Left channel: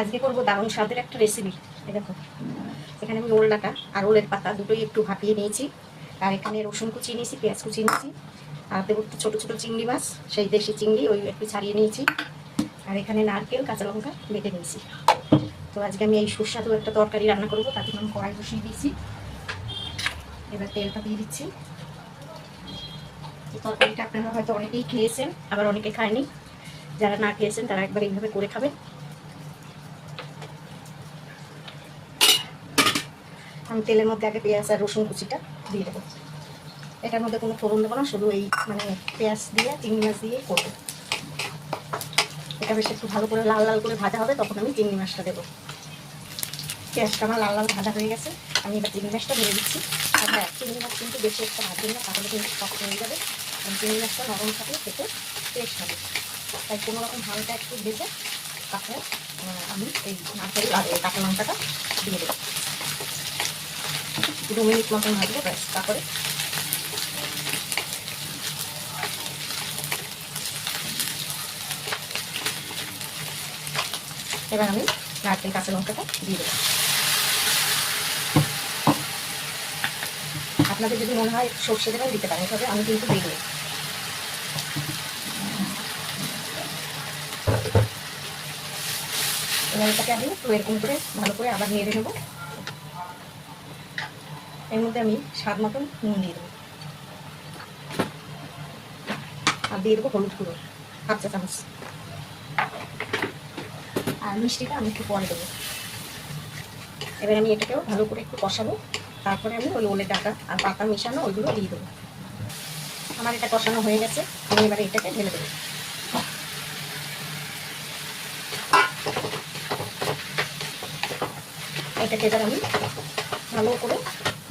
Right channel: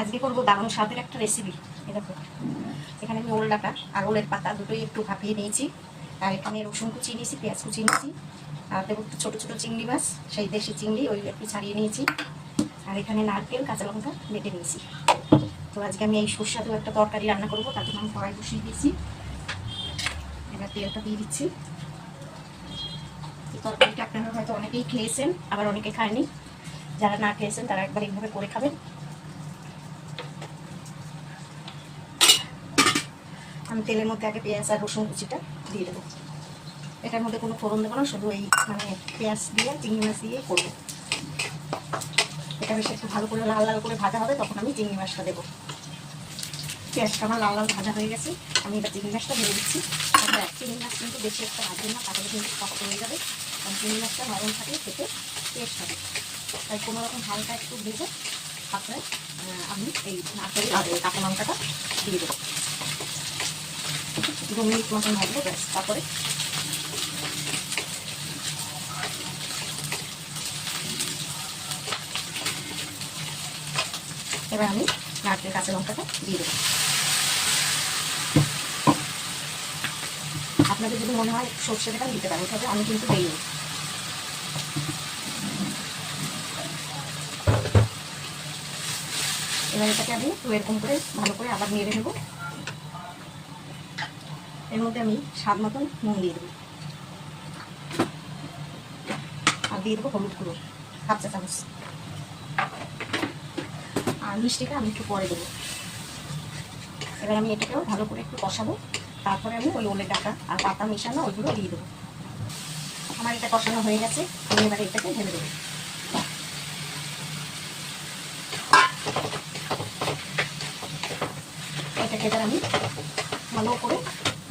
আজকে করবো দারুণ স্বাদের একটা রেসিপি। এই দেখো, এখানে আমি ওল ডাঁটা আর ওলের পাতা দুটোই একটু ভাপিয়ে নিয়েছি। আর এখানে রসুন কুচি নিয়েছি, পেঁয়াজ কুচি নিয়েছি, আর দেবো একটু ছোটো ছোটো চিংড়ি মাছ, সেই দেশি চিংড়ি, ওই একটু ছাড়িয়ে নিয়েছি। আর এখানে নারকেল, কাঁচা লঙ্কা বেটে নিয়েছি। তো আজকে আমি এই সুস্বাদু একটা তরকারি রান্না করবো, তার জন্য আমি কড়াই বসিয়ে দিয়েছি। এবার তেলটা দিয়ে দিচ্ছি। এই তরকারিটা আপনারা হয়তো অনেকেই খেয়েছেন, আবার অনেকে খায়নি। যারা না খেয়েছেন তারা একবার এইভাবে করে খাবেন। আমি তেলের মধ্যে আগে পেঁয়াজ আর রসুন কুচিটা দিয়ে দেবো। এটার মধ্যে কোনো ফোড়ন দেবো না, শুধু এই পেঁয়াজ দিয়ে চিংড়ি মাছ দিয়ে করবো। এটা বেশ একটু ভালো করে লাল লাল করে ভাজা হবে, তখন আমি চিংড়ি মাছটা দেবো। পেঁয়াজটা আমার লাল লাল ভাজা হয়ে গেছে, আমি এবার চিংড়ি মাছটা ভেজে দিচ্ছি। আর হ্যাঁ, চিংড়ি মাছ কিন্তু বেশি একটা ভাজবেন না, তাহলে কিন্তু শক্ত হয়ে যাবে। আর চিংড়ি মাছটা নরম থাকলে খেতে টেস্ট হবে। তাই কোনো রকম হালকা একটু ভেজে তারপরে আমি এই নারকেল আর কাঁচা লঙ্কাটা দিয়ে দেবো। 2 মিনিট মতন ভাজলে ব্যাস। তারপরে এবার আমি নারকেল কাঁচা লঙ্কাটা দিয়ে দেবো। আপনাদের যদি মনে হয় সর্ষে দেবেন দিতে পারেন, তবে আমি কিন্তু দিইনি। এবার এটাকে আমি এরকম করে ভালো করে আবার নেড়ে নেবো। এর মধ্যে আমি স্বাদ মতন নুন দিয়ে দেবো, আর দিয়ে দেবো হলুদ গুঁড়ো 1/2 চা চামচ। আর মিষ্টিটা আমি একটু পরে দেবো। এবার আমি এটাকেও ভালো করে একটু কষাবো। তারপরে আমি ওই ওলের ডাঁটা আর পাতা মেশানো ওইগুলো দিয়ে দেবো। আমার এটা কষানো হয়ে গেছে, আমি এবারে এটাকে ঢেলে দেবো। এটাকে এবার আমি ভালো করে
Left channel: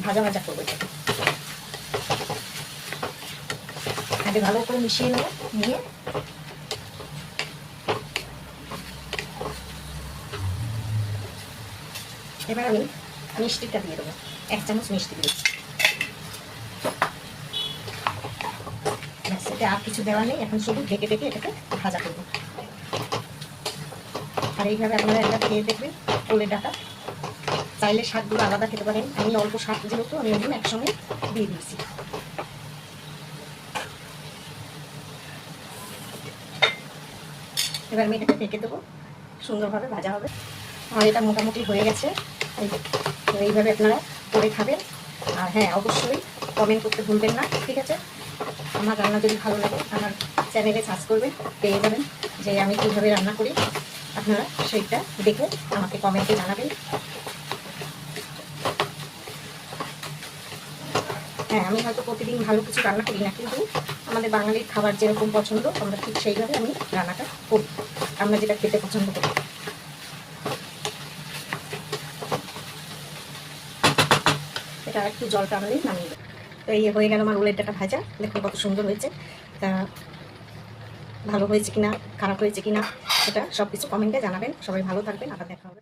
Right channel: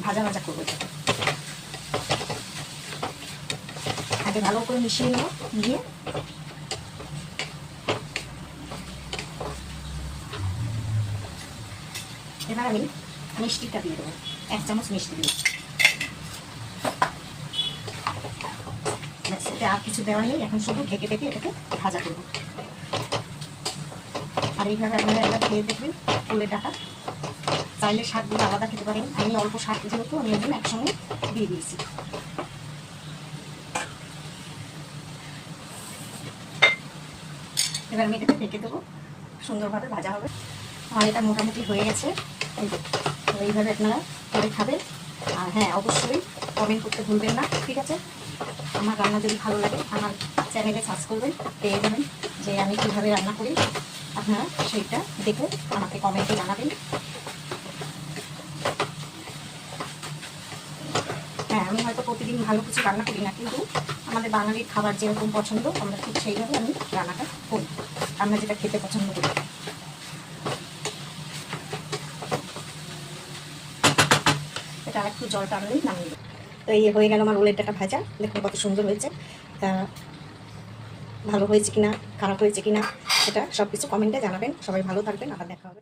ভাজা ভাজা করবো। এটাকে আগে ভালো করে মিশিয়ে নেবো, নিয়ে এবার আমি মিষ্টিটা দিয়ে দেবো। 1 চামচ মিষ্টি দিয়েছি। এতে আর কিছু দেওয়া নেই, এখন শুধু ঢেকে ঢেকে এটাকে ভাজা করবো। আর এইভাবে আপনারা একবার খেয়ে দেখবেন ওলের ডাঁটা। চাইলে শাকগুলো আলাদা খেতে পারেন, আমি অল্প শাক যেহেতু আমি ওগুলো একসঙ্গে দিয়ে দিয়েছি। এবার আমি এটাকে ঢেকে দেবো, সুন্দরভাবে ভাজা হবে। আর এটা মোটামুটি হয়ে গেছে। এইভাবে আপনারা করে খাবেন। আর হ্যাঁ, অবশ্যই কমেন্ট করতে ভুলবেন না, ঠিক আছে? আমার রান্না যদি ভালো লাগে আমার চ্যানেলে সার্চ করবেন, পেয়ে যাবেন যে আমি কীভাবে রান্না করি। আপনারা সেইটা দেখে আমাকে কমেন্টে জানাবেন। হ্যাঁ, আমি হয়তো প্রতিদিন ভালো কিছু রান্না করি না, কিন্তু আমাদের বাঙালির খাবার যেরকম পছন্দ আমরা ঠিক সেইভাবে আমি রান্নাটা করি, আমরা যেটা খেতে পছন্দ করি। এটা একটু জল টানলেই নামিয়ে দেবো। তো এই হয়ে গেল আমার ওলের ডাঁটা ভাজা। দেখুন কত সুন্দর হয়েছে। তা ভালো হয়েছে কিনা, খারাপ হয়েছে কিনা, সেটা সব কিছু কমেন্টে জানাবেন। সবাই ভালো থাকবেন, আবার দেখা হবে।